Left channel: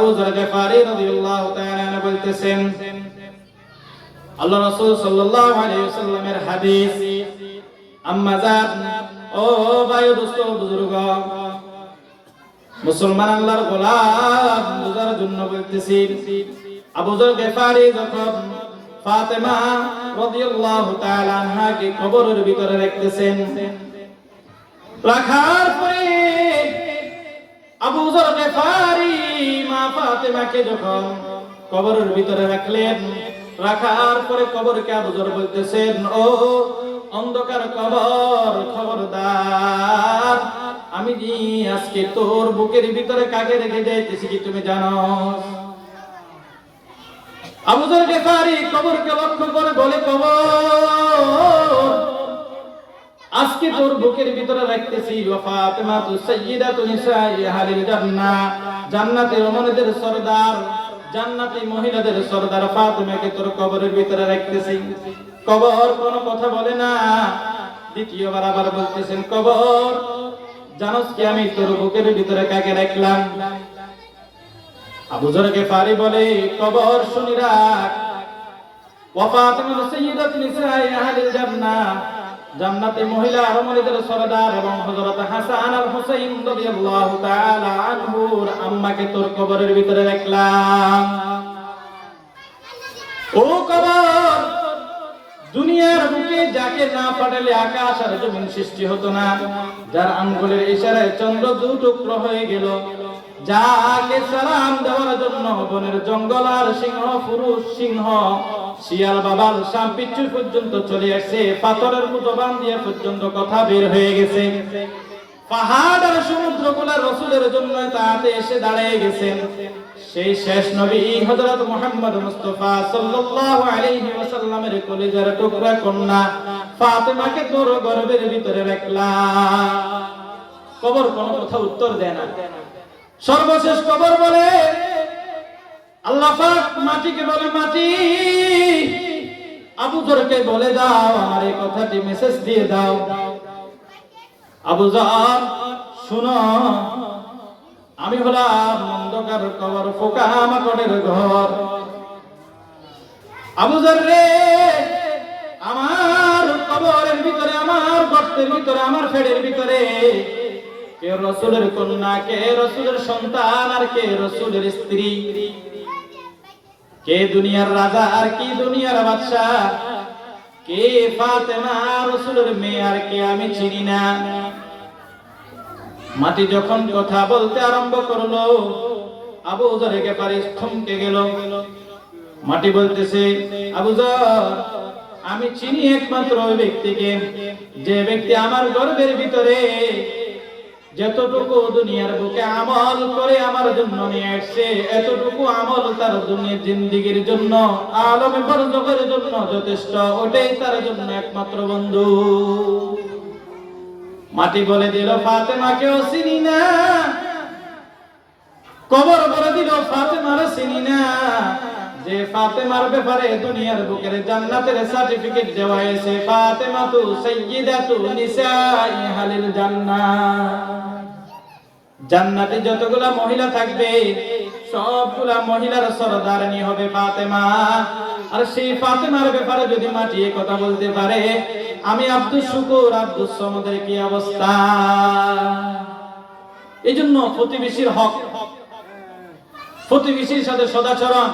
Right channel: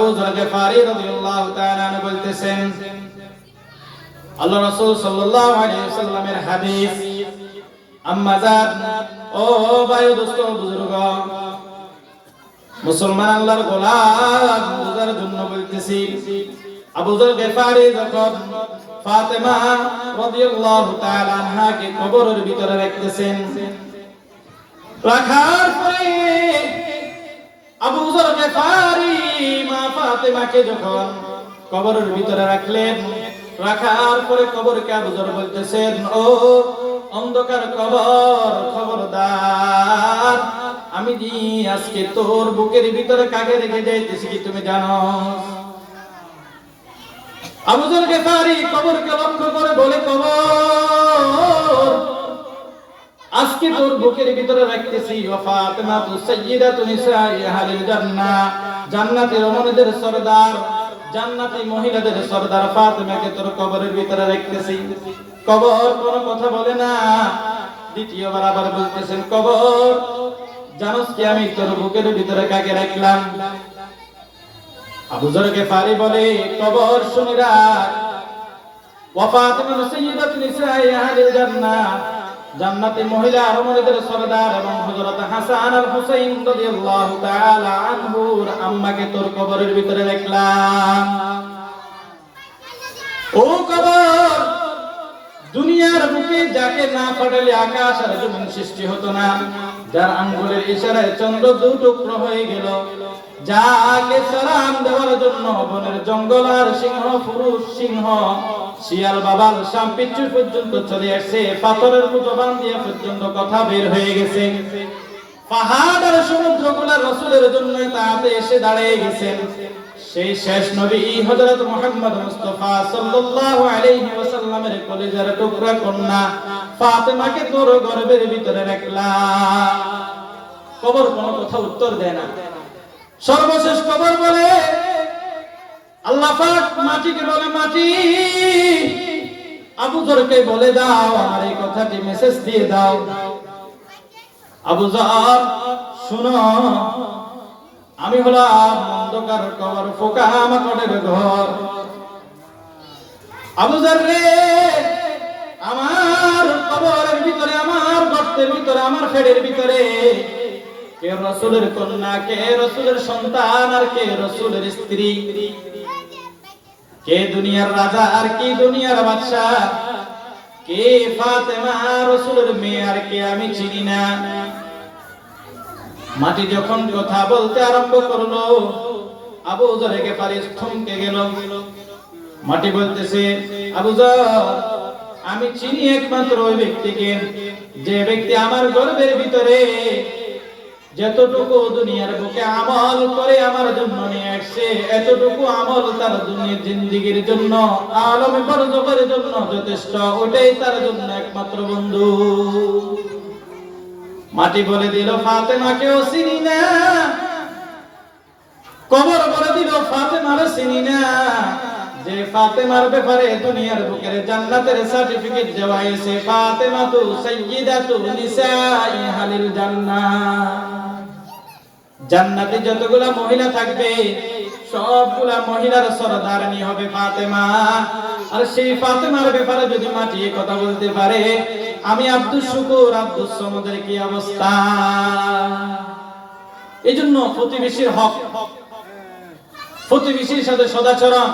আবু যর গিফারি রাদিয়াল্লাহু তাআলা আনহু বলতেছেন, আল্লাহ রাসূল সাল্লাল্লাহু আলাইহি ওয়াসাল্লামের হাদিস। আম্মা জান, ও ভাই দোস্ত বুজুর্গ মুসলমান আল্লাহর গোলাম বুঝার জন্য বলতেছি, আবু যর গিফারি যখন ফাতেমা রাদিয়াল্লাহু তাআলা আনহাকে কবরের ভিতরে রাখতেছেন, রাখার পরে আবু যর গিফারি মা ফাতেমাকে যখন কবরের ভিতরে রাখলেন, রাখার পরে কবরকে আবু যর বলতেছেন, ও অন্ধকার কবর, খবরদার, আমি জি আজকে তোর বুকের ভিতরে কাকে রেখে যাইতেছি কি তুমি জানো? আবু যর গিফারি কবরকে লক্ষ্য করে বলে, কবর, আজকে তোর বুকের ভিতরে রাখতেছি ওয়া ফাতিমাতু সাইয়্যিদাতু নিসাই আহলিল জান্নাহ, জান্নাতের রমণীদের সরদার, জান্নাতি মহিলাদের সরদার ফাতিমাকে তোর কবরের ভিতরে রাখতেছি। কবর কোনো কথা বলে না। দ্বিতীয়বার আবার বলতেছেন, কবর, জানোস কি আমি তোর বুকের ভিতরে কাকে রাখলাম? আবু যর গিফারি বলে, কবর শুনে রাখ, ওয়া ফাতিমাতু সাইয়্যিদাতু নিসাই আহলিল জান্নাহ, জান্নাতি মহিলা রমণীদের সরদার এবং হযরত হাসান আর হুসাইন রাদিয়াল্লাহু তাআলা আনহুর আম্মাকে তোর কবরের ভিতরে রাখলাম। ও কবর, দুনিয়ার বুকে যাকে না পাঠালে আকাশ আর জমিন সৃষ্টি হতো না, যার আঙ্গুলের ইশারায় চন্দ্র দুটুকরো হয়ে গেল, যাকে সালাম দেওয়ার জন্য বনের জঙ্গল আর সিংহ, পুরুষ সিংহ, শিয়াল বাবাল সাম্পিচ্ছু পর্যন্ত চলে আসছে, পাথরের মতো বান দিয়ে পর্যন্ত কথা বের হয়ে গেছে, পাহাড় আর সমুদ্রগুলা রাসূলের জন্য তাতে এসে দাঁড়িয়ে গেছেন, সেই শেষ নবী হযরত মুহাম্মদ মুস্তাফা সাল্লাল্লাহু আলাইহি ওয়াসাল্লামের কলিজার টুকরা কন্যা ফাতেমাকে তোর গর্ভের ভিতরে রাখলাম। কবর কোনো কথা উত্তর দেয় না। সর্বশেষ কবর বলে, আল্লাহ পাক মাটিকে বলে, মাটি, আবু যরকে বলে দাও আমার এই কথাটি মেসেজ দিয়ে দাও, আবু যর শুনো, আমি হলাম অন্ধকার কবর, পোকা মাকড়ের ঘর, আবু যর রে, আমার কবরের ভিতরে, আমার গর্তের ভিতরে, আমার পেটের ভিতরে কে রাসূলের কন্যা, কে রাসূলের সন্তান, আর কে রাসূলের স্ত্রী, কে দুনিয়ার রাজা আর কে দুনিয়ার বাদশা, কে ফাতেমা রাসূলের মেয়ে আর কে আমি চিনি না। মাটি যখন কথা বলতে আরম্ভ করলো, আবু যর গিফারি থমকে গেল। মাটি বলতেছে, আবু যর, আমি চিনি একমাত্র ওই ব্যক্তিকে, যে ব্যক্তি আমার গর্ভের ভিতরে যতটুকু দুনিয়ার বুকে আমল করে আমার জন্য নিয়ে আসছে, এতটুকু আমল তার দুনিয়ার জিন্দেগীর জন্য, আলমে বরজখের জন্য যথেষ্ট, ওটাই তার জন্য একমাত্র বন্ধু। মাটি বলে দিল, ফাতেমাকেও চিনি না। কবর বলে দিল, ফাতেমারে চিনি না, যে ফাতেমার ব্যাপারে দুনিয়ার বুকের জান্নাতের সার্টিফিকেট দেওয়া হয়েছে, ফাতেমাতু সাইয়্যিদাতু নিসাই আহলিল জান্নাহ। জান্নাতে যতগুলা মহিলা থাকবে সবগুলা মহিলার সরদারনি হবে ফাতেমা। আর সেই ফাতেমার ব্যাপারে যদি মাটি কথা বলতে পারে, আমি আব্দুস শুকুর, আব্দুস সমদের কি অবস্থা? এই জন্য প্রতিবেশীর হক, প্রতিবেশীর সাথে সদাচরণ,